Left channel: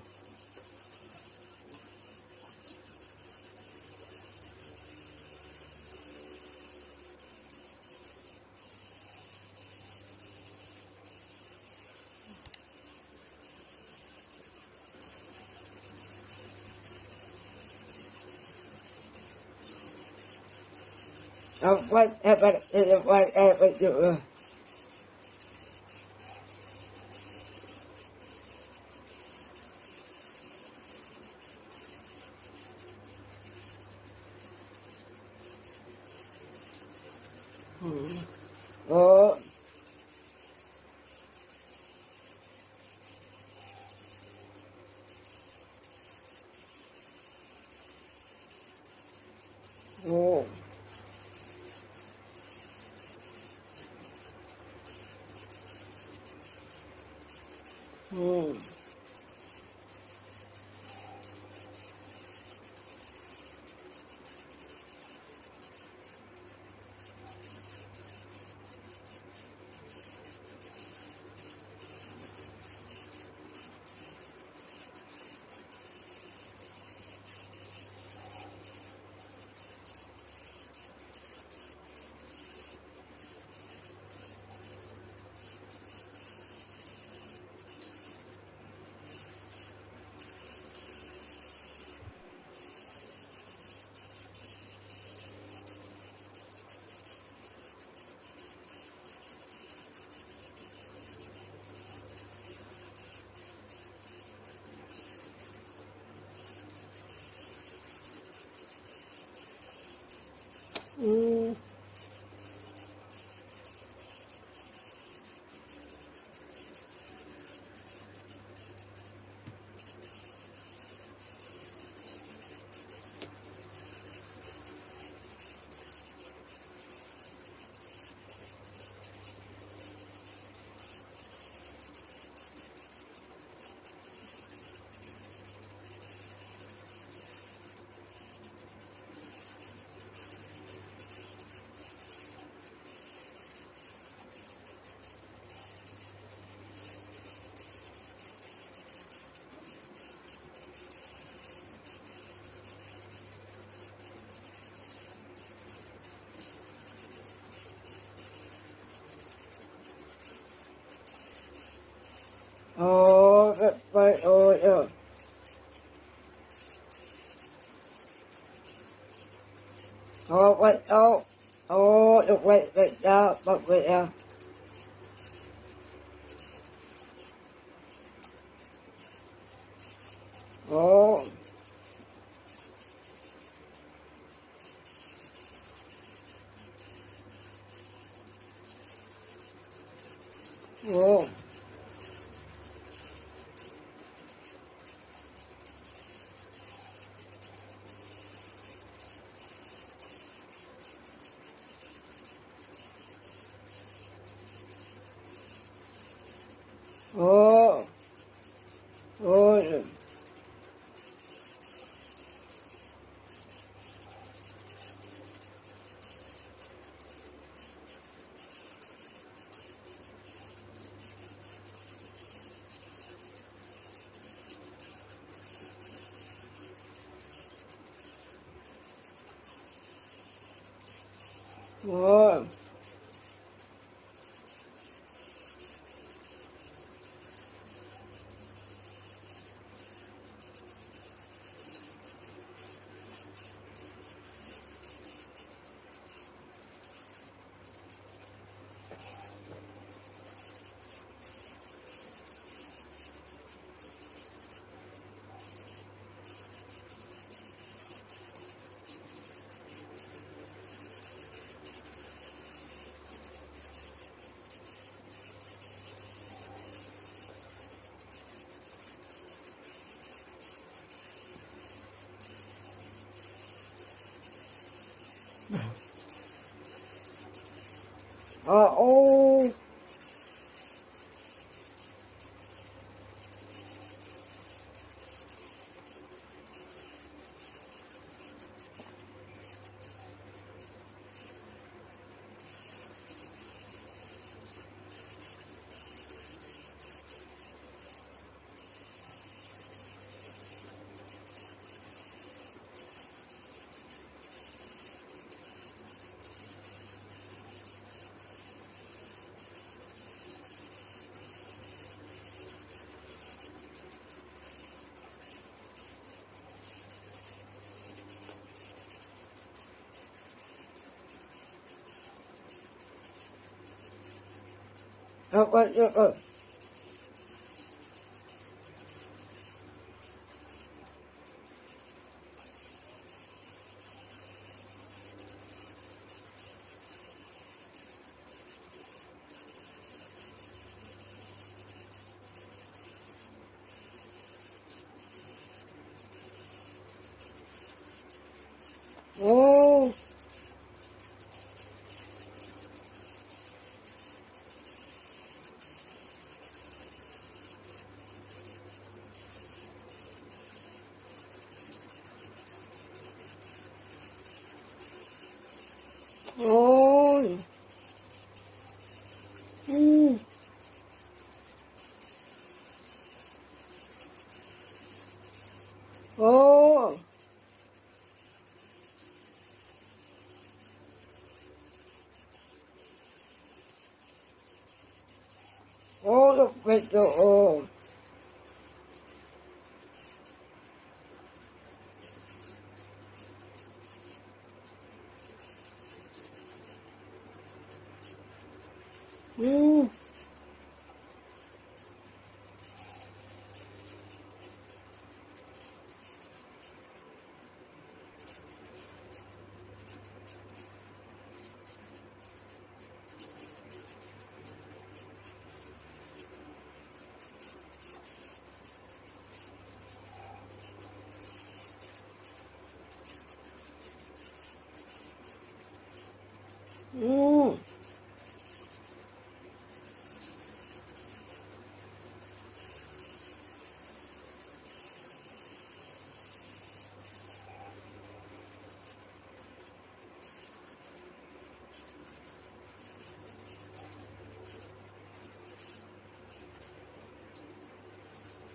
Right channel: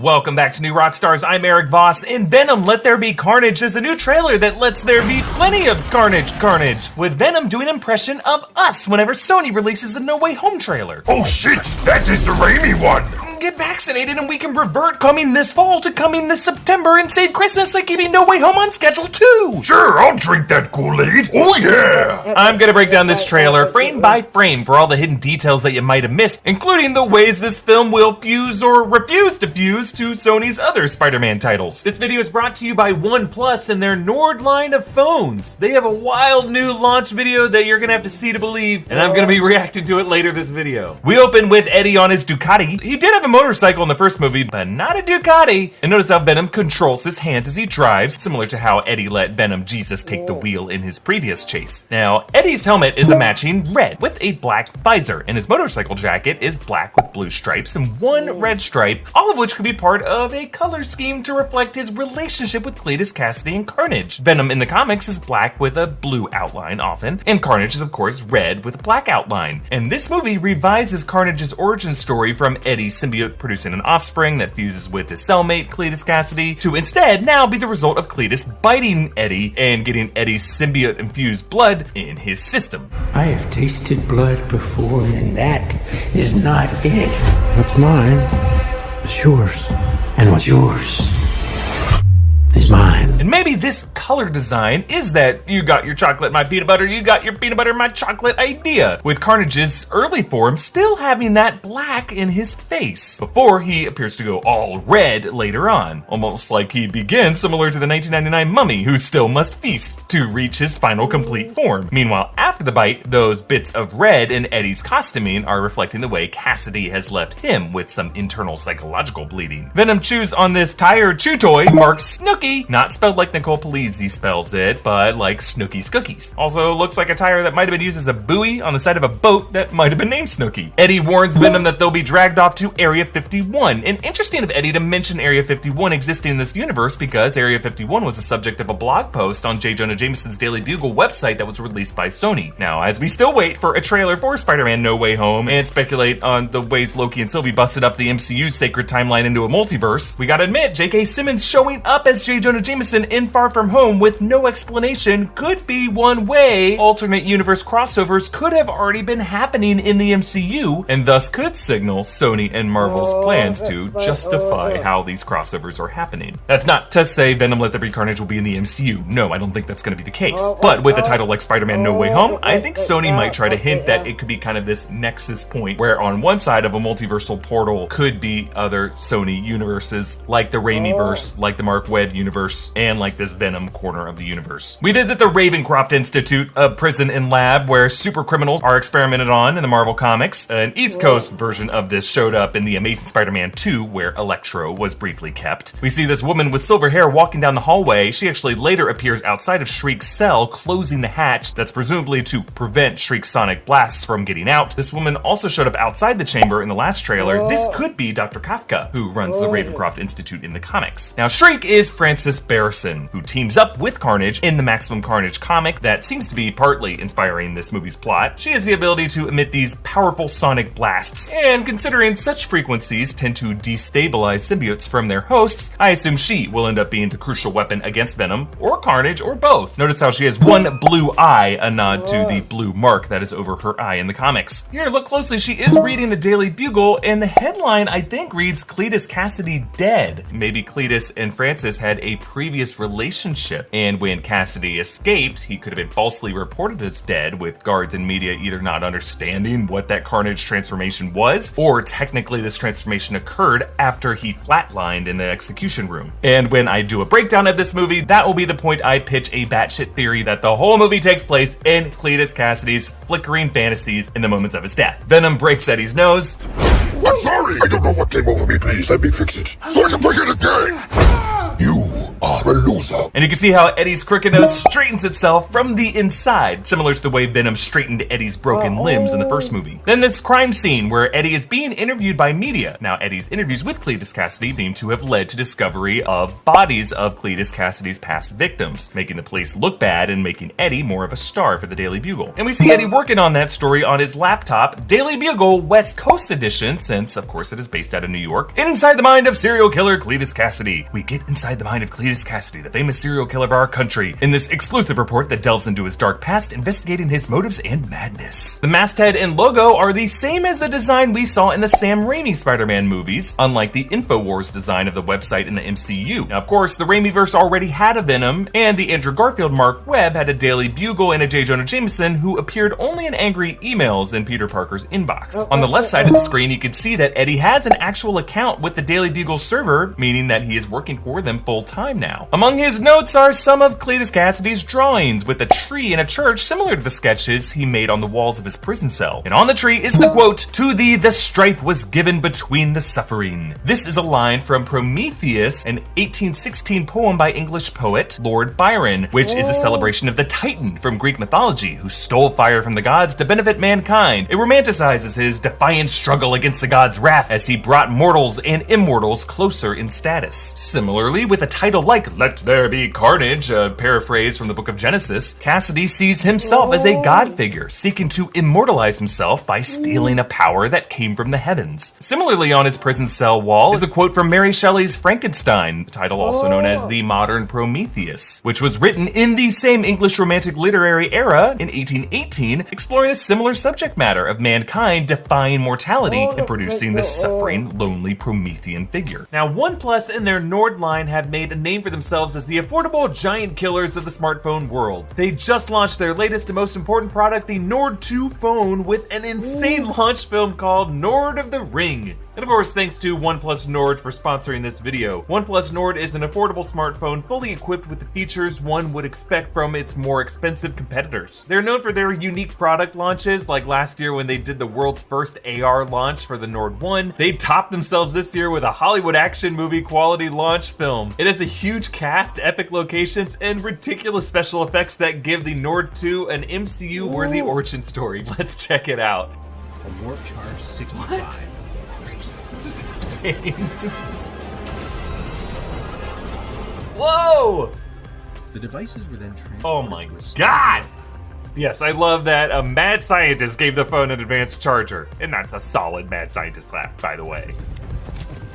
Welcome back to New Rockstars. I'm Eric Voss. In Venom, Let There Be Carnage is a new trailer that lets there be plenty of carnage, with Venom doing an impression of us whenever Sony releases a No Way Home trailer. Oh shit, that is the Raimi one! Get vaccinated and we can revert coming this fall to coming this September and save Christmas by keeping No Way Home on schedule too! Sure, I'll drink that Kool-Aid. Oh yeah! I'm gonna break down this trailer frame by frame for all the hidden details that you might have missed, including the ways this film will fuse or refuse to fuse to Sony's other Spider-Man titles. This video is brought to you by OnePlus and their Nord line of phones. They have a wild new launch video that you're gonna have to see to believe, and I'm gonna be reacting to it later this video. We open with Eddie on his Ducati. He did have a motorcycle in the first movie, but not a Ducati. And notice how Venom controls his hands as he drives, similar to how Eddie let Venom Jesus take the wheel in his previous chase. Now, Eddie's helmet is a matching red with a black visor, and his motorcycle jacket is black with blue stripes and one red stripe, all of which could be part of a color scheme to reflect his relationship with Cletus, Kasady, and Carnage. Venom in the comics is black with a blue outline often, and Carnage is of course red with a black outline. And this movie revises Carnage's origin story from Eddie's symbiote producing an offspring that fuses with his cellmate, Cletus Kasady, to instead now be the result of Cletus biting Eddie and getting Eddie's symbiote-infused blood in his system. I have tasted blood before, and that is not it. What's mine is yours, and what's yours is mine. And maybe this color design is that you got your chocolate, my peanut butter, you got your peanut butter, my chocolate idea, with Carnage's early form still having that black in his face, before he appears to go all red later on, almost like he begins similar to the 1999 mummy who still must feast to reach his final complete form. Meanwhile, after the bite, those bits of red in Eddie's costuming are reflecting the way Kasady has left him with some internal psychological bleeding. Venom chews on this tire chew toy marked Snooki, not spelled like Nicole Polizzi spells it, but like Snooki's Cookies. Also looks like a tire that might have been used as a buoy on the side of a boat that might have been named Snooki. Eddie warns Venom that they'll be dragged off to Area 51. And interesting of Eddie to mention Area 51 existing in this universe because Area 51 was the subject of a blog post on J. Jonah Jameson's Daily Bugle website that was released by Sony. Now, as we still wait for a trailer for Spider-Man No Way Home and speculate on the ways Loki and Sylvie busted up the MCU's sacred timeline into a multiverse, we gotta admit, J.K. Simmons showing up as J. Jonah Jameson in Far From Home with no explanation could be one way alternate universe crossovers could have already been happening in the MCU, and thus could signal Sony and Marvel's plans to justify how these crossovers are happening. That's not to say Venom Let There Be Carnage will be in the MCU. No, I don't think that's going to be the case. But with a title like Spider-Man No Way Home, I think Sony might try to hint that it could be kind of this nexus point where on one side of a multiversal portal could be other Sony universes, like the Raimi-verse, like the Mark Webb universe, and like this Venom corner of the universe. We visit the Ravencroft Institute, a prison and lab where super criminals are experimented on in the Marvel Comics. An East Coast version of this showed up in the Amazing Spider-Man 2, where Electro was briefly kept. We see this woman with silver hair walking down the hallway. She actually later appears outside of Shriek's cell, closing the hatch that's presumably to prevent Shriek's sonic blasts from getting out. This woman also showed up outside the chamber in the last trailer. This could be Dr. Kafka, who runs the Ravencroft Institute in the comics. Now, Shriek is Frances Barrison, who teams up with Carnage in the Maximum Carnage comic that seems to be partly inspiring this movie's plot. She has the ability to emit these powerful sonic blasts, and considering such frequencies tend to destabilize symbiotes from their hosts, I assume she will end up being the crucial weapon against Venom, or Carnage, or both. Notice how she has one blue eye, a nod to the blue mark that is over her eye in the comics. Here, look closely, she is reading the Daily Bugle, and the headline, I think, reads Cletus Kasady dead. Maybe Cletus and Frances had a previous relationship, and when Kasady escaped, he could have been falsely reported as dead, with guards and media either not understanding what that Carnage transformation was, or technically this transformation occurred after he flatlined in the execution room. And when I do a breakdown of this movie, that will be the point I pitch a batshit theory that the whole movie takes place in Cletus Kasady's flickering fantasies in the moments of his death. Venom breaks Eddie's nose. I'm sorry! I don't know what came over me, please let me fix it, so I can forget again! You are a loser. And you can see how Eddie's crooked nose straightens itself from the inside, similar to the way Venom straightened Eddie's broken limbs in the first movie. Then this crime scene where Eddie is being interviewed by media. Now, Eddie's interviews with Cletus Kasady seem to have led to discovery of bodies of Cletus Kasady's past victims, making the police look bad and making Eddie more of a star for the Daily Bugle. And we see Eddie working on that story on his laptop, Daily Bugle West Coast Edition, since of course it is based out of New York. Inside the mind of serial killer Cletus Kasady. We get inside the mind of Cletus Kasady, the famous serial killer of our country, in this exclusive report that delves into his dark past, investigating his motives and madness. The masthead and logo are the same as the design we saw in the Sam Raimi Spider-Man movies, unlike the InfoWars design of the website in the MCU. Now, of course, the Raimiverse already had a Venom, and the Andrew Garfield Mark Webb had a Daily Bugle and a J. Jonah Jameson, who appeared only in angry emails in Peter Parker's inbox. On the left side of the screen, you can see that Eddie has an actual account with the Daily Bugle server, meaning that he is working for them full-time now. Among his notes are some of Cletus Kasady's drawings, with a tree in a church similar to the sketches he made on the walls of his prison cell. And on the tree is the quote, "To thee the strife was given between the suffering." This is a line from Prometheus, an 1816 poem by English poet Lord Byron, which is a celebration of the Titan from Greek mythology, who stole fire from the gods to benefit mankind. It romanticizes his defiant struggle against the gods' wrath as he brought mortals and immortals closer in status. Similarly, with a title like Let There Be Carnage, a paraphrase from the book of Genesis, Kasady sees himself as a god figure, seeking to immortalize himself by stealing a power that came from the heavens. Similarly, on his prison cell wall is a quote from Mary Shelley's Frankenstein, title also known as The Modern Prometheus, which was written in the same English Romantic literary era in 1818, exploring a similar subject matter of mankind defying mortality and producing this suffering, lonely Promethean figure. Now, OnePlus and their Nord line have made a name for themselves as the affordable giant killers of the smartphone world. They just launched their latest and most important product, the Nord 2 phone, with an insane launch film called Nord of the Ring. And of course, thanks to OnePlus Nord for sponsoring this video. OnePlus Nord is an affordable smartphone fully equipped with the features one would expect from its more expensive competitors. They're known for their unique product launches, like last year when they did the world's first AR launch for the Nord 1. They topped themselves this year with a Hollywood action movie quality launch film. It has a huge cast, epic locations, and ridiculous special effects that give the Nord 2 an MCU-worthy origin story. Let's check it out. A warp charge 65. What? This is insane. Whoa! The devices were then transported. Oh my god! Yes, I love that a mad scientist gave the phone an advanced charger. And that's a solid mad scientist laugh, by the way.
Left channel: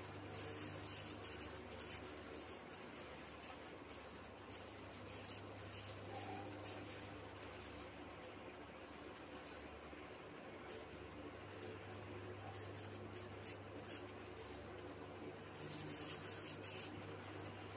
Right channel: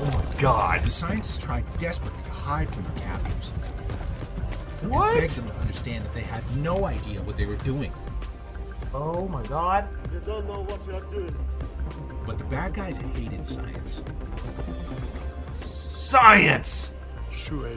Oh my god. The scientists tried desperately to hide from their captors. What? And begged them to understand that they had no idea what they were doing. Oh my god. You don't know what you are doing. But the bad guys hated science. Science! Sure.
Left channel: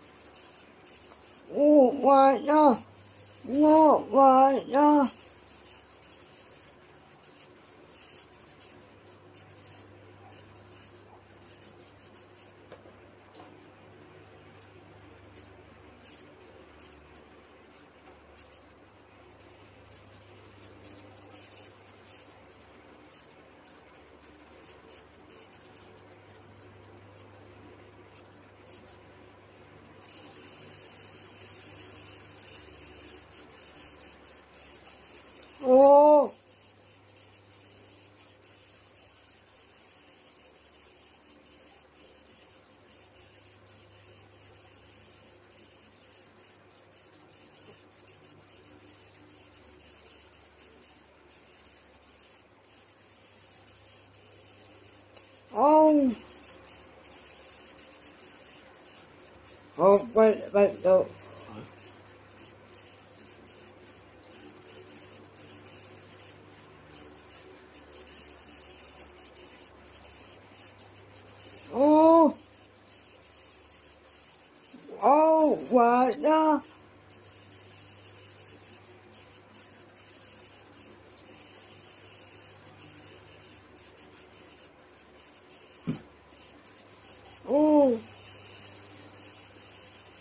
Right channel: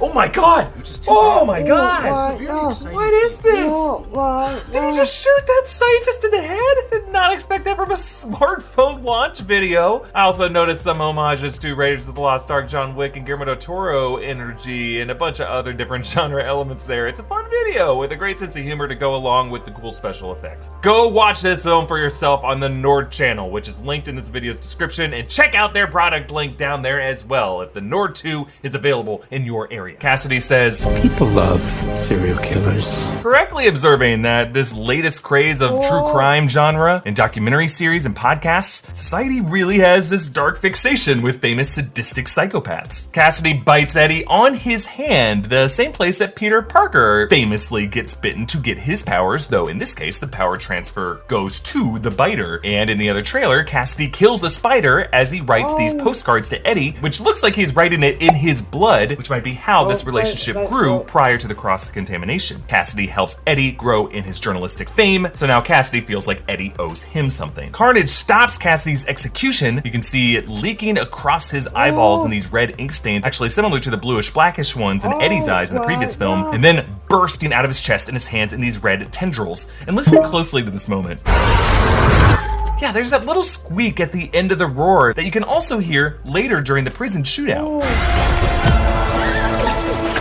Oh my god! Which is too Oh bad. my god! What? Very No. exciting. What is this? No, what? Did you just shoot that scientist in the head? Did not expect that from a smartphone launch video. I also noticed some homages to Raiders of the Lost Ark, John Wick, and Guillermo del Toro energy, and a bunch of other different genre elements there. It's a fun video with a great sense of humor to go along with the cool special effects. Go watch this film for yourself on the Nord channel, which is linked in this video's description, and check out their product link down there as well if the Nord 2 is available in your area. Kasady says, People love serial killers. correctly observing that this latest craze of true crime genre and documentary series and podcasts, society really has this dark fixation with famous sadistic psychopaths. Kasady bites Eddie on his hand, the same place that Peter Parker famously gets bitten to get his powers, though in this case the power transfer goes to the biter. And in the other trailer, Kasady kills a spider as he writes these postcards to Eddie, which looks like he's writing it in his blood, which might be how this relationship grew prior to the cross-contamination. Kasady helps Eddie grow in his journalistic fame, so now Kasady feels like Eddie owes him something. Carnage stops Kasady's execution. You can see it leaking across his eyeballs in these red ink stains, actually similar to the bluish-blackish ones in Eddie's eyes in the previous film, and then bursting out of his chest and his hands in these red tendrils. And listen closely to this moment. Yeah, there's that little squeak at the end of the roar that you can also hear later during the prison shootout.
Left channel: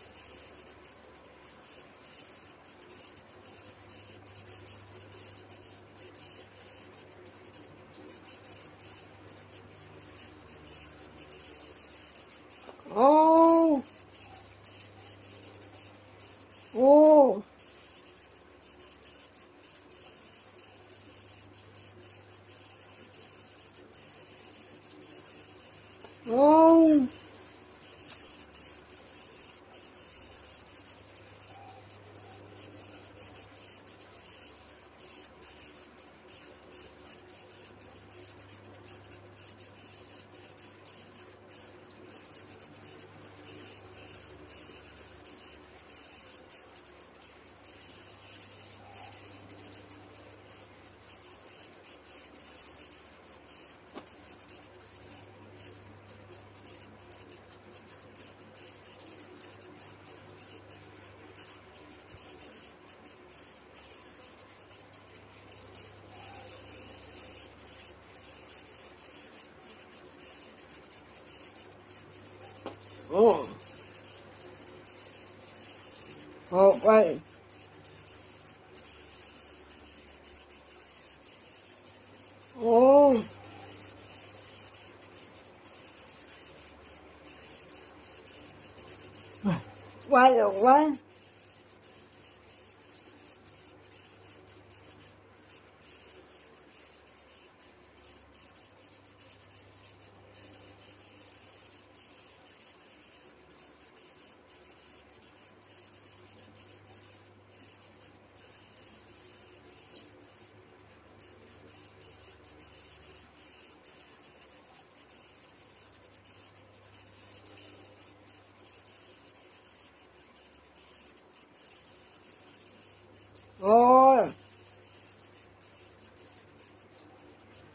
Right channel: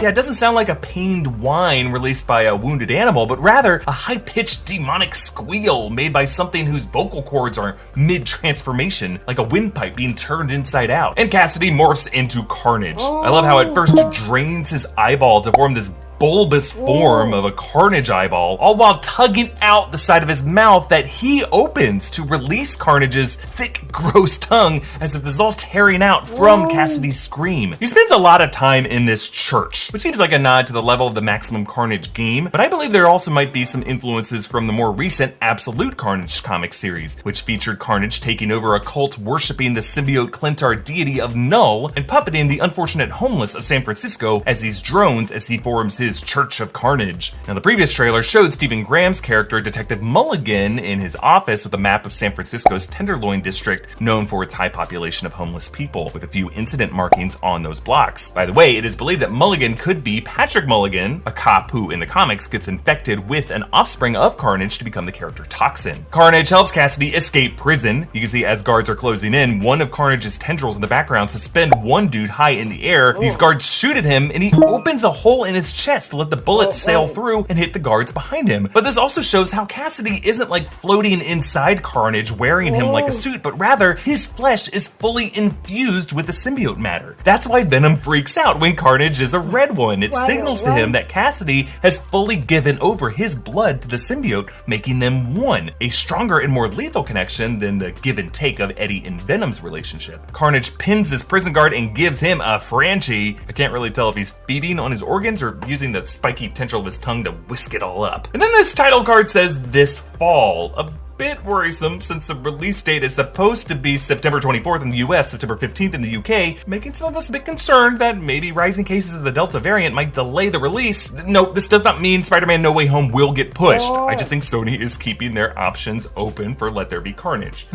yeah, it doesn't sound like a pained whine released by a wounded animal, but rather a high-pitched demonic squeal made by something whose vocal cords are mid-transformation, like a windpipe being turned inside out. And Kasady morphs into Carnage. I love how at first it drains his eyeball to form this bulbous form of a Carnage eyeball, all while tugging out the side of his mouth that he opens to release Carnage's thick, gross tongue as if this is all tearing out from Kasady's scream. He spends a lot of time in this church, which seems like a nod to the level of the Maximum Carnage game, but I believe there also might be some influences from the more recent Absolute Carnage comic series, which featured Carnage taking over a cult worshipping the symbiote Clintar deity of Null and puppeting the unfortunate homeless of San Francisco as these drones as he forms his Church of Carnage. Now, the previous trailer showed Stephen Graham's character, Detective Mulligan, in his office with a map of San Francisco's Tenderloin district, known for its high population of homeless people, with a few incident markings on those blocks. By the way, it is believed that Mulligan could be Patrick Mulligan, a cop who, in the comics, gets infected with an offspring of Carnage to become the character Toxin. Carnage helps Kasady escape prison. You can see as guards are closing in, one of Carnage's tendrils in the background suspend one dude high in the air. These guards shoot at him, and he opens a hole in his chest to let the bullets sail through and hit the guards behind him. But this also shows how Kasady isn't like floating inside Carnage wearing him like a suit, but rather his flesh is fully infused with the symbiote matter. That's why Venom freaks out when Carnage is a red one. It signals to him that Kasady has fully given over his blood to the symbiote, making them one, a stronger and more lethal connection than the give and take of Eddie and Venom's relationship. Carnage pins his prison guard and gives him a Franchi. I can't really tell if he's feeding on his organs or using the spiky tendril of his tongue to whisk it all up. And then this title card says this fall. A bit worrisome since the release date is supposed to be September 24th in the US, September 15th in the UK, making some of us a bit concerned that maybe rising cases of the Delta variant might delay the release. No, this does not mean Spider-Man No Way Home will get pushed. I just think Sony is keeping their options open for Let There Be Carnage.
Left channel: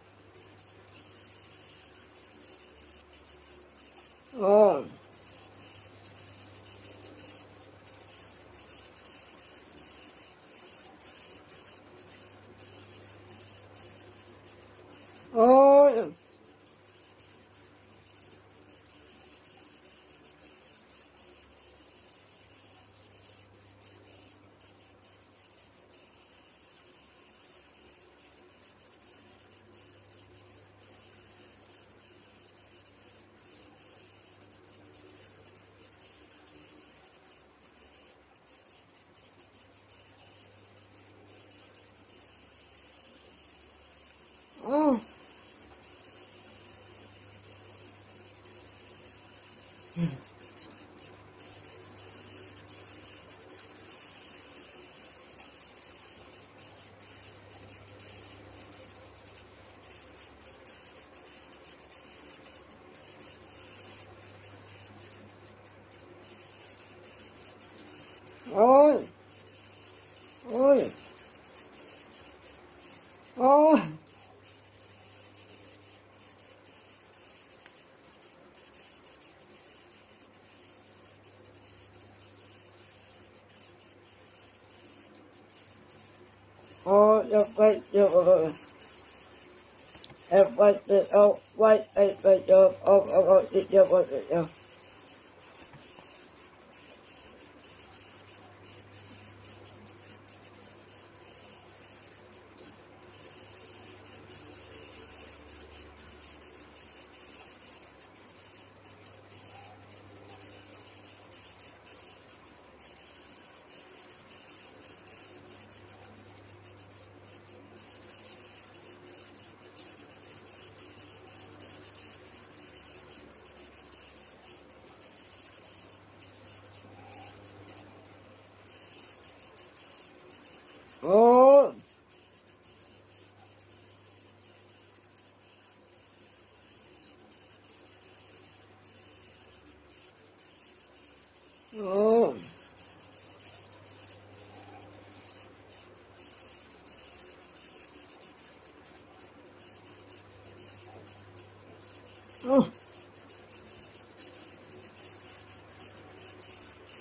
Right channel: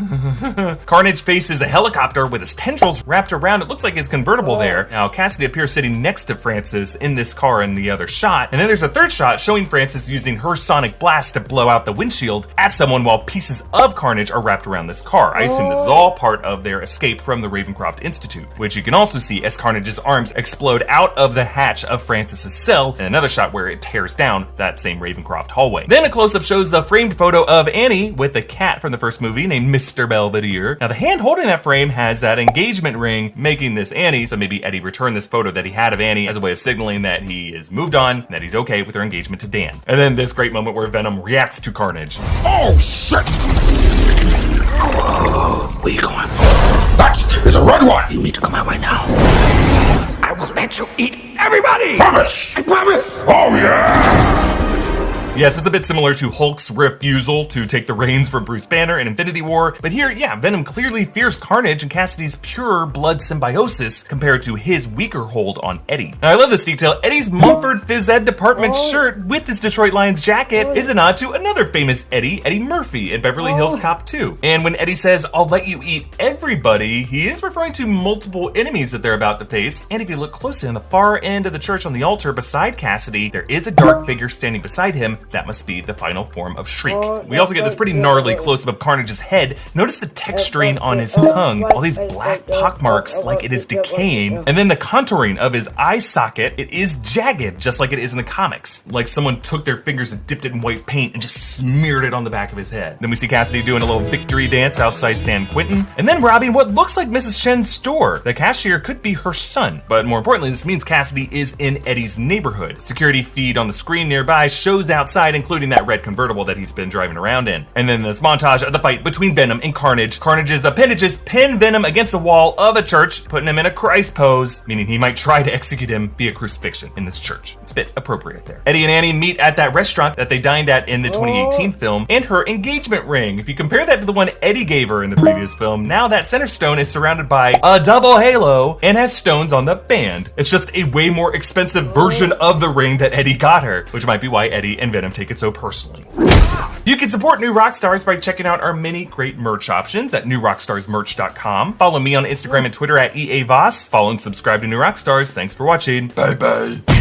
Carnage faces a helicopter with his tendrils wrapped around, it looks like his convertible there. Now, Kasady appears sitting next to Francis in this car in the other shot, and then there's a third shot showing Francis using her sonic blast to blow out the windshield at someone while pieces of Carnage are wrapped around this car. I assume this is all part of their escape from the Ravencroft Institute, which you can also see as Carnage's arms explode out of the hatch of Francis's cell, and another shot where it tears down that same Ravencroft hallway. Then a close-up shows a framed photo of Annie with the cat from the first movie named Mr. Belvedere. Now the hand holding that frame has that engagement ring, making this Annie, so maybe Eddie returned this photo that he had of Annie as a way of signaling that he is moved on, and that he's okay with her engagement to Dan. And then this great moment where Venom reacts to Carnage. Oh, shit! Where you going? That is a red one! You need to come out right now. I will let you eat everybody! Promise! I promise! Oh, yeah! Yes, it's a bit similar to Hulk's refusal to take the reins from Bruce Banner in Infinity War, but here, yeah, Venom clearly fears Carnage and Kasady's pure blood symbiosis compared to his weaker hold on Eddie. Now, I love this detail. Eddie's Mumford Phys Ed Department shirt with his Detroit Lions jacket is a nod to another famous Eddie, Eddie Murphy in Beverly Hills Cop 2. And when Eddie says, "I'll let you eat everybody," he is referring to multiple enemies that they're about to face. And if you look closely on the far end of the church on the altar beside Kasady, there is a dark figure standing beside him. That must be the final form of Shriek. We also get this pretty gnarly close-up of Carnage's head. Notice the texturing on his tongue, all these black pockmarks like it is decaying. And then the contouring of his eye socket, it is jagged, just like it is in the comics. Like someone took their fingers and dipped it in white paint and just smeared it on the back of his head. Then we see Kasady doing a little victory dance outside San Quentin, and then robbing what looks like Mrs. Chen's store. The cashier could be her son, but more importantly, this means Kasady is in Eddie's neighborhood. Security feed on the screen nearby shows outside, including that red convertible that he's been driving around in. And then this montage of the fight between Venom and Carnage. Carnage's appendages pin Venom against the wall of a church, putting him in a Christ pose, meaning he might try to execute him via crucifixion in this church. It's a bit appropriate there. Eddie and Annie meet at that restaurant that they dined at in the 2018 film, and her engagement ring. If you compare that to the one Eddie gave her in the previous film, now that center stone is surrounded by a double halo and has stones on the band. It's just a way more expensive version of the ring that Eddie got her, which might be why Eddie and Venom take it so personally. You can support New Rockstars by checking out our many great merch options at newrockstarsmerch.com. Follow me on Instagram and Twitter at EAVoss. Follow and subscribe to New Rockstars. Thanks for watching. Bye-bye.